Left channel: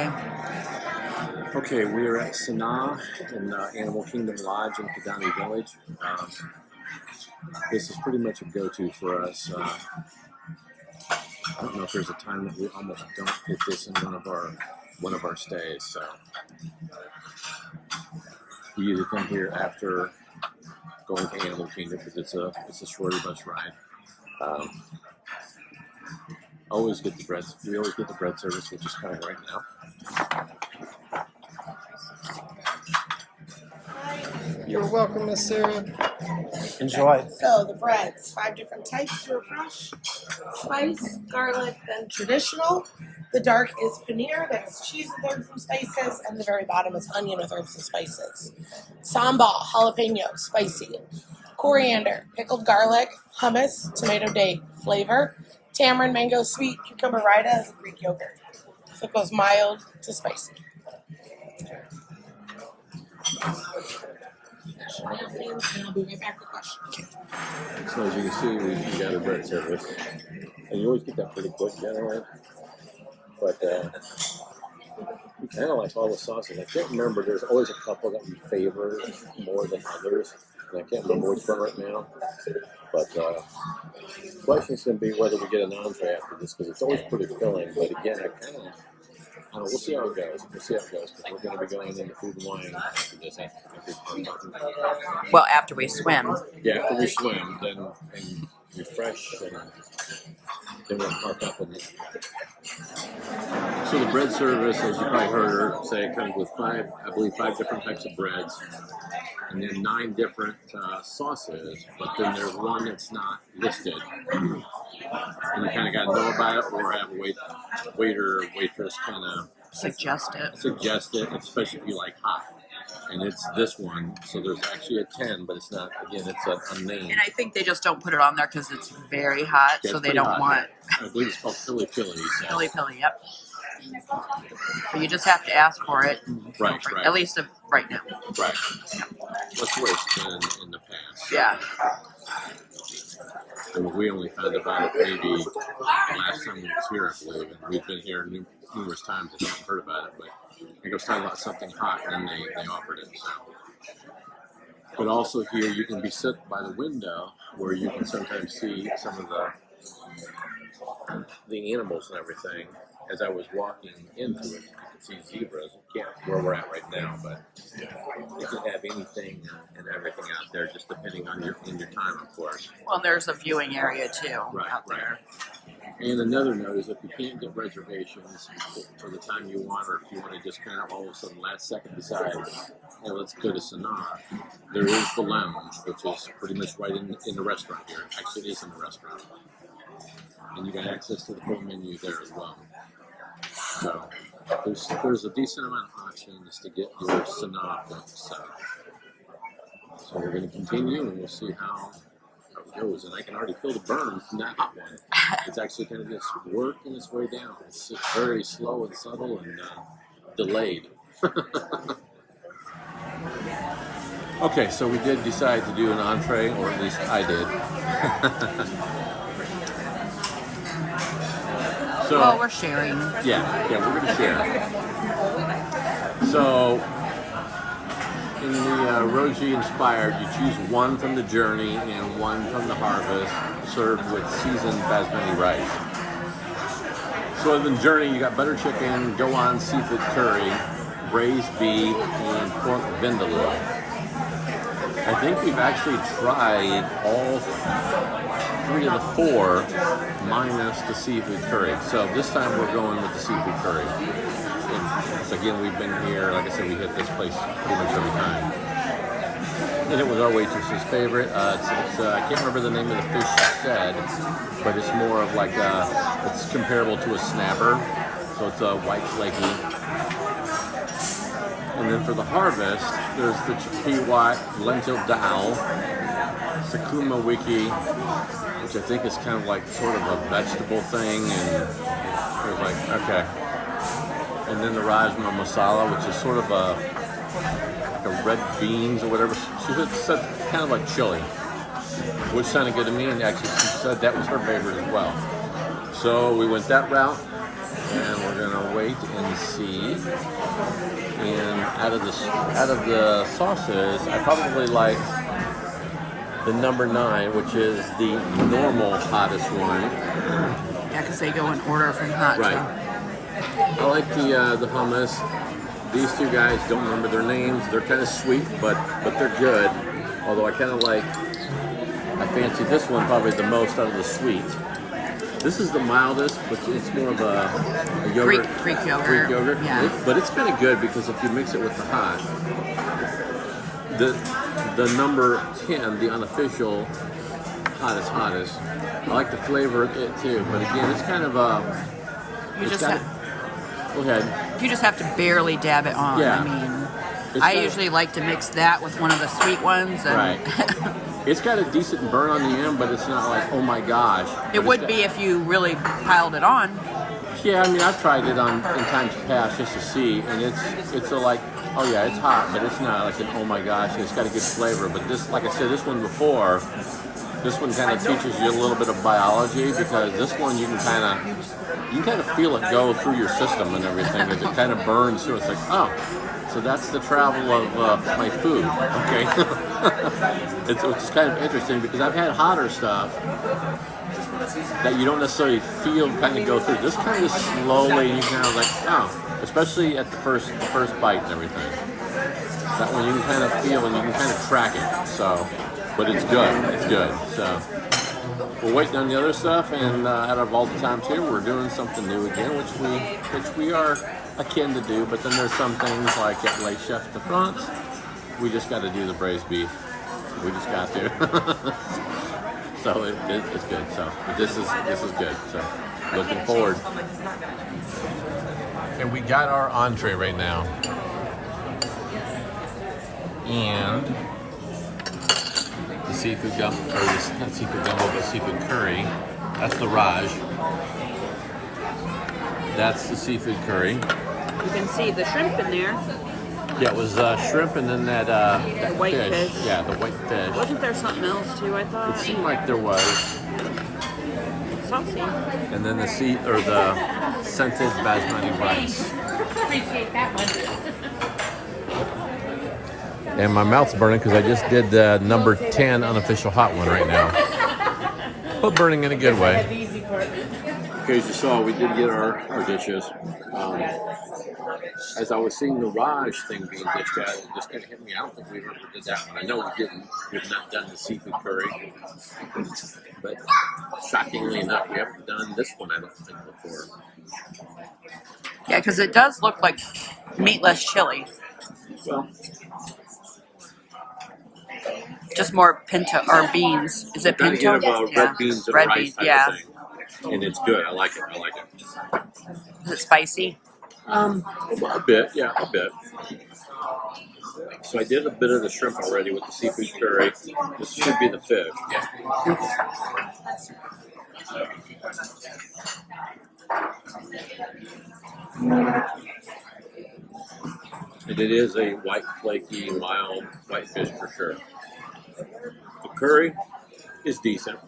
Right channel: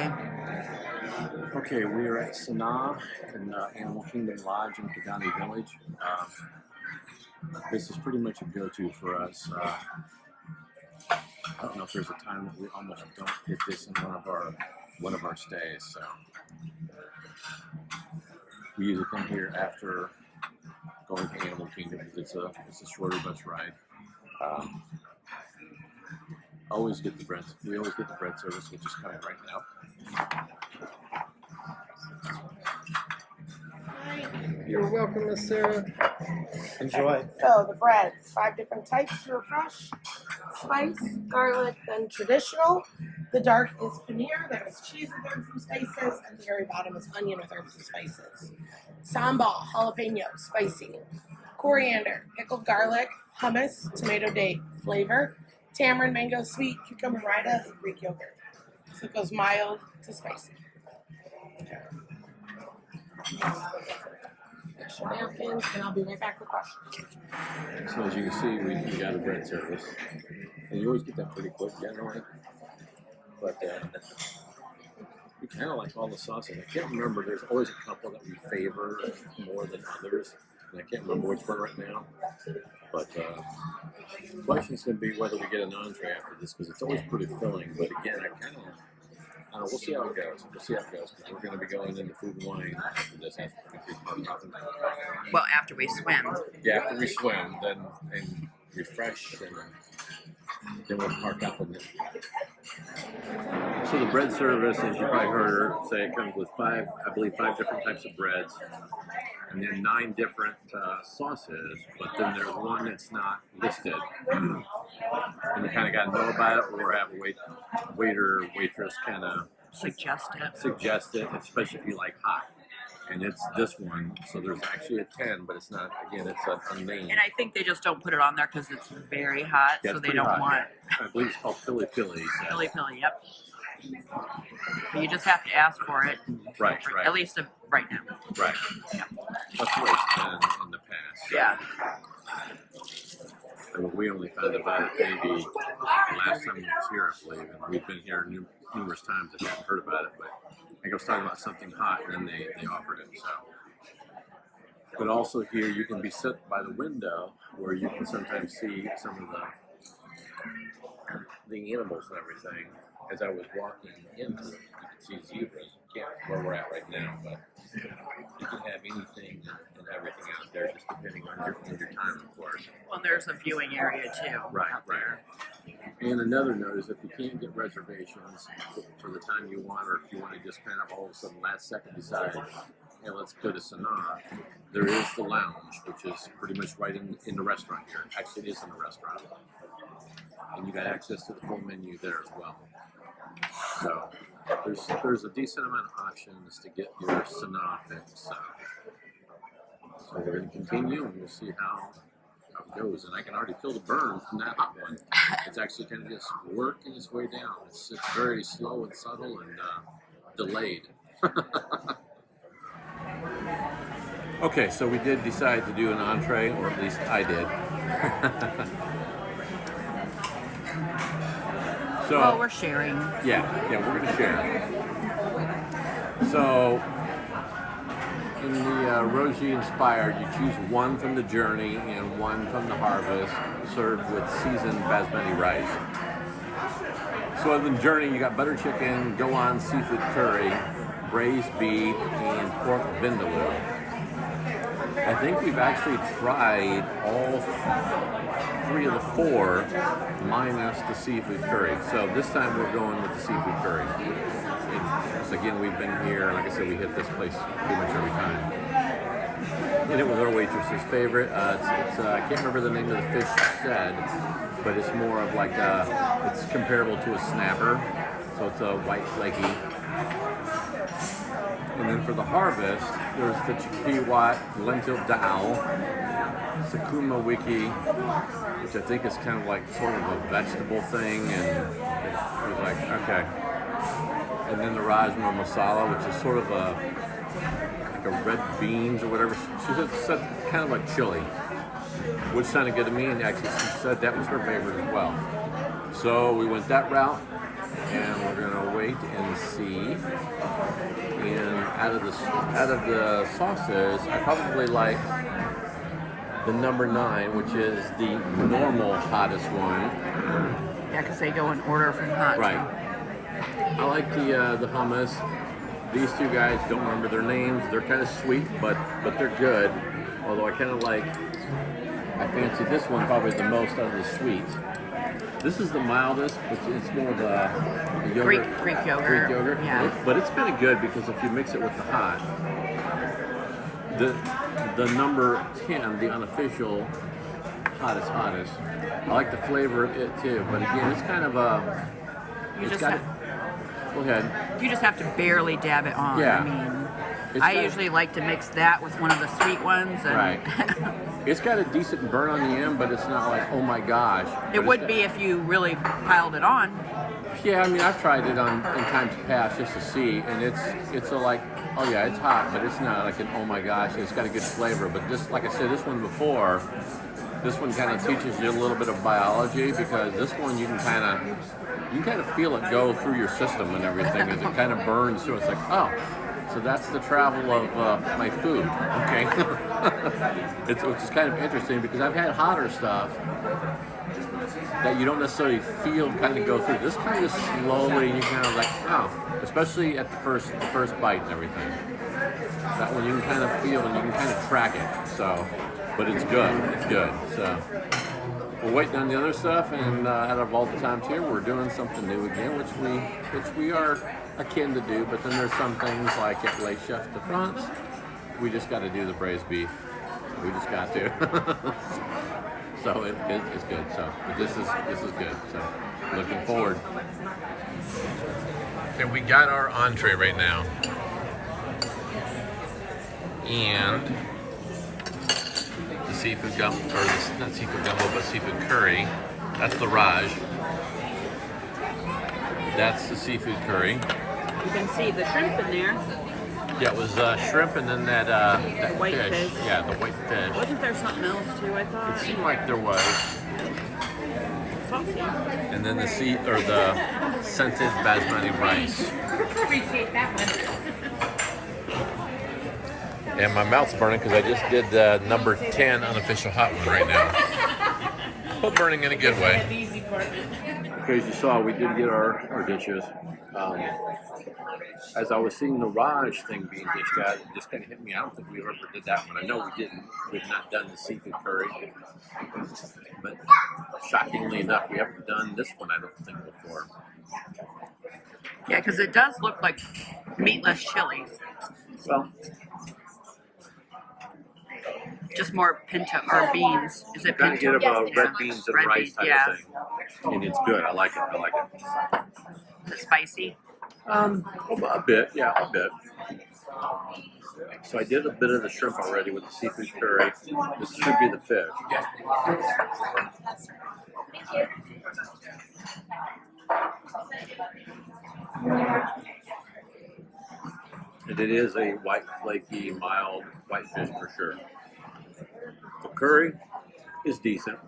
Okay. Okay, we are at SANAA in Animal Kingdom Lodge in Kidani Village. This is pretty much a go-to for us. I don't know if there's a time that we almost don't hit this in one of our stays. So we usually come here after going to Animal Kingdom because it's a shorter bus ride. Always get the bread. We always get the bread service, which is coming right now. You're welcome, Miss Sarah. Enjoy. So the breads, 5 different types for fresh, spice, garlic, then traditional. The dark is paneer, that is cheese with herbs and spices, and the very bottom is onion with herbs and spices. Sambal, jalapeno, spicy. Coriander, pickled garlic, hummus, tomato date flavor, tamarind, mango, sweet, cucumber raita, Greek yogurt. So it goes mild to spicy. Napkins, and I'll be right back for questions. So as you can see, we got a bread service, and you always get that pretty quick generally. But we kind of like all the sauces. I can't remember. There's always a couple that we favor more than others, and I can't remember which one right now. But the question is going to be whether we get an entree after this because it's always pretty filling. But again, we'll see how it goes. We'll see how it goes because we're going to be going into food and wine after this. Well, after we swim. Yeah, after we swim, then and refresh, and then we'll park up in it. So the bread service, as you probably heard her say, it comes with five different types of breads, and then 9 different sauces. But then there's one that's not listed, and you kind of got to know about it or have a waiter or waitress kind of Suggest it, especially if you like hot. And it's this one, so there's actually a 10, but it's not. Again, it's unnamed. And I think they just don't put it on there because it's very hot, Yeah, so it's they pretty don't hot, want yeah. I believe it's called Pili Pili. So. Pili Pili. Yep. But you just have to ask for it. Right. At least right now. Right. Yeah. That's the way it's been in the past. Yeah. I mean, we only found about it maybe the last time we was here, I believe, and we've been here numerous times and haven't heard about it. But I think I was talking about something hot, and then they offered it. So, but also here you can be sit by the window where you can sometimes see some of the animals and everything. As I was walking into it, you can see zebras. You can't where we're at right now, but you can have anything and everything out there, just depending on your time, of course. Well, there's a viewing area too out there. And another note is if you can't get reservations for the time you want, or if you want to just kind of all of a sudden last second decide, hey, let's go to SANAA, there is the lounge, which is pretty much right in the restaurant here. Actually, it is in the restaurant. And you got access to the full menu there as well. So there's a decent amount of options to get your SANAA fix. So we're going to continue, and we'll see how it goes. And I can already feel the burn from that hot one. It's actually kind of just working its way down. It's very slow and subtle and delayed. Okay, so we did decide to do an entree, or at least I did. So, well, we're sharing. Yeah, we're going to share. So, in the Rosie Inspired, you choose one from the Journey and one from the Harvest, served with seasoned basmati rice. So in the Journey, you got butter chicken, go-on seafood curry, braised beef, and pork vindaloo. I think we've actually tried all 3 of the 4 minus the seafood curry. So this time we're going with the seafood curry. And so again, we've been here, like I said, we hit this place pretty much every time. And it was our waitress's favorite. I can't remember the name of the fish she said, but it's more of like it's comparable to a snapper. So it's a white flaky. And then for the Harvest, there's the Chikiwat lentil dal, Sakuma wiki, which I think is kind of like sort of a vegetable thing, and it was like, okay. And then the Rajma masala, which is sort of like a red beans or whatever. She said kind of like chili, which sounded good to me, and actually she said that was her favorite as well. So we went that route. and we're gonna wait and see. And out of the sauces, I probably like the number 9, which is the normal hottest one. Yeah, because they go in order from hot. Right. So. I like the hummus. These two guys, don't remember their names. They're kind of sweet, but they're good. Although I fancy this one probably the most out of the sweet. This is the mildest, but it's more of a yogurt. Greek yogurt. Greek yogurt. Yeah. But it's kind of good because if you mix it with the hot, the number 10, the unofficial hottest. I like the flavor of it too. But again, it's kind of a. Go ahead. You just have to barely dab it on. Yeah. I mean, It's I usually like to mix that with one of the sweet ones. And Right. It's got a decent burn on the end, but it's not like, oh my gosh. It would be if you really piled it on. Yeah, I mean, I've tried it in times past just to see, and it's a like, oh yeah, it's hot, but it's not like an oh my gosh. It's got a good flavor, but this, like I said, this one before, this one kind of teaches you a little bit of biology because this one you can kind of feel it go through your system and everything as it kind of burns through. It's like, oh. So that's the travel of my food, okay? It's kind of interesting because I've had hotter stuff that you don't necessarily feel kind of go through. This kind of slowly, and you kind of like, oh, especially at the first bite and everything. That one you can kind of feel and you can kind of track it. So, but it's good. It's good. So we're waiting on the other stuff, and out of all the times here, we're doing something new again, which we are akin to do, but then there's some things like at Les Chefs de France, we just got to do the braised beef. We just got to. So it's good. So, but this is good. So, looking forward. And we got our entree right now, and the seafood not seafood gumbo, but seafood curry. That's the Raj. That's the seafood curry. You can see the shrimp in there. Yeah, it was shrimp and then that white fish. Yeah, the white fish. Wasn't there something else too, I thought? It seemed like there was. Saucy. And then the scented basmati rice. Appreciate that one. And my mouth's burning because I just did the number 10 unofficial hot one right now. But burning in a good way. Okay, as you saw, we did get our dishes. As I was seeing the Raj thing being dished out, it just kind of hit me. I don't think we ever did that one. I know we didn't. We've not done the seafood curry. But shockingly enough, we haven't done this one, I don't think, before. Yeah, because it does look like meatless chili. Well, just more pinto or beans. Is it kind pinto? of get red beans and rice type of thing. And it's good. I like it. Is it spicy? A bit, yeah, a bit. So I did a bit of the shrimp already with the seafood curry. This should be the fish. And it is a white, flaky, mild white fish for sure. The curry is decent.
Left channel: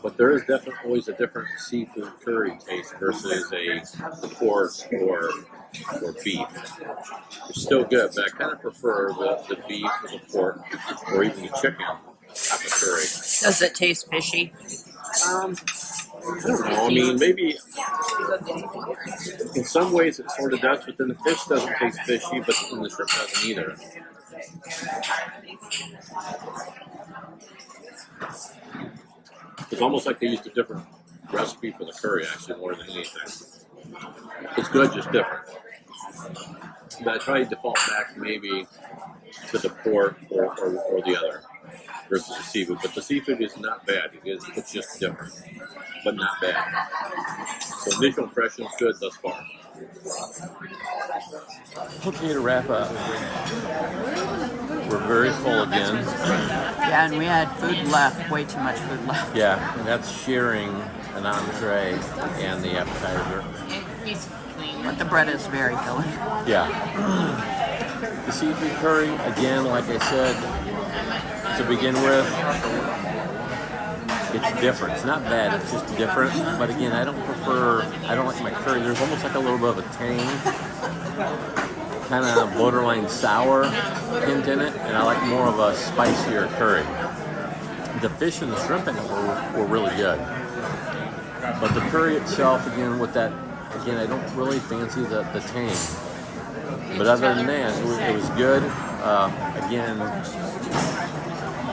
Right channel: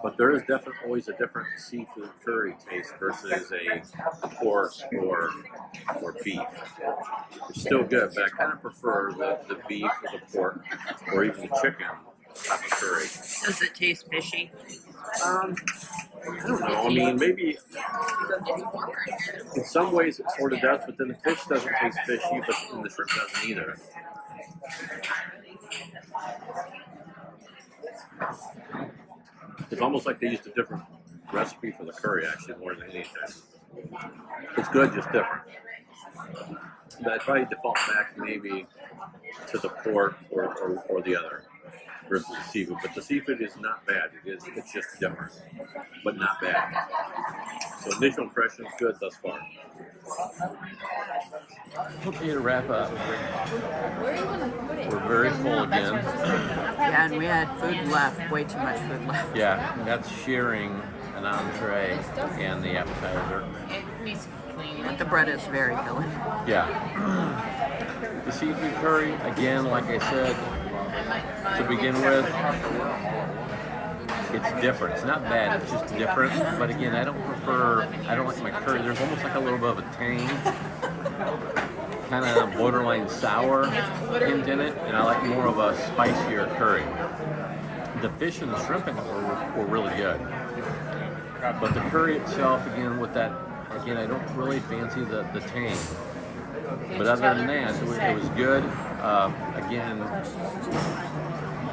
But there is definitely always a different seafood curry taste versus a pork or beef. It's still good, but I kind of prefer the beef or the pork or even the chicken type of curry. Does it taste fishy? I don't know. I mean, maybe in some ways it sort of does, but then the fish doesn't taste fishy, but then the shrimp doesn't either. It's almost like they used a different recipe for the curry, actually, more than anything. It's good, just different. But I try to default back maybe to the pork or the other versus the seafood. But the seafood is not bad. It's just different, but not bad. So initial impressions good thus far. Okay, to wrap up, we're very full again. Yeah, and we had food left, way too much food left. Yeah, and that's sharing an entree and the appetizer. But the bread is very filling. Yeah. The seafood curry, again, like I said, to begin with, It's different. It's not bad. It's just different. But again, I don't like my curry. There's almost like a little bit of a tang, kind of borderline sour hint in it, and I like more of a spicier curry. The fish and the shrimp in it were really good. But the curry itself, again, with that, again, I don't really fancy the tang. But other than that, it was good. Again,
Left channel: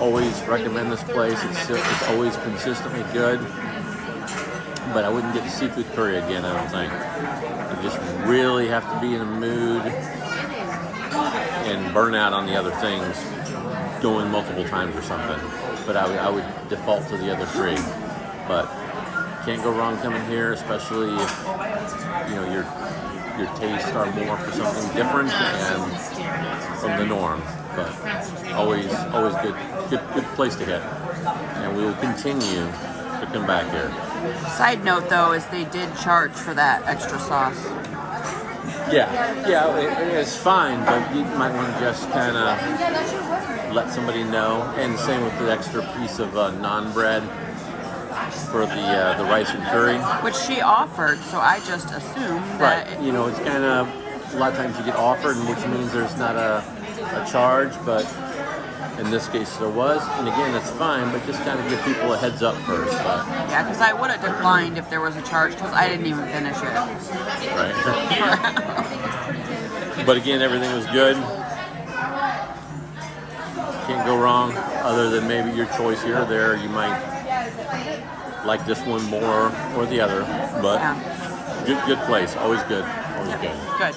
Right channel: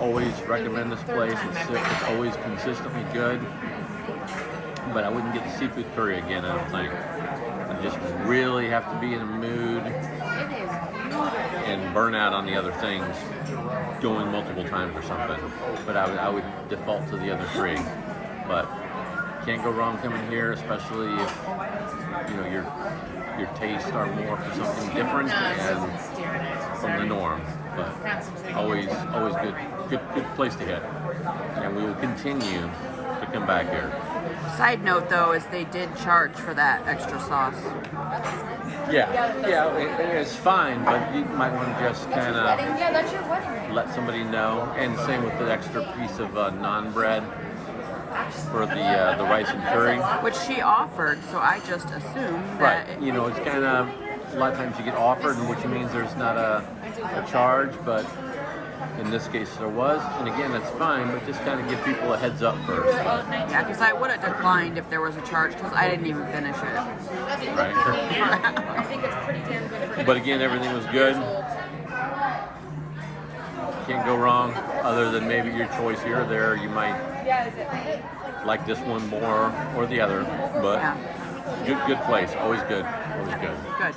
always recommend this place. It's always consistently good. But I wouldn't get the seafood curry again, I don't think. I just really have to be in a mood and burn out on the other things, going multiple times or something. But I would default to the other three. But can't go wrong coming here, especially if your tastes are more for something different and from the norm. But always good place to hit. And we will continue to come back here. Side note, though, is they did charge for that extra sauce. Yeah, it's fine, but you might want to just kind of let somebody know. And same with the extra piece of naan bread for the rice and curry. Which she offered, so I just assumed that... Right. It's kind of, a lot of times you get offered, which means there's not a charge, but in this case there was. And again, that's fine, but just kind of give people a heads up first. But Yeah, because I would have declined if there was a charge, because I didn't even finish it. Right. But again, everything was good. Can't go wrong, other than maybe your choice here or there. You might like this one more or the other, but Yeah. good place. Always good. Always good. Good.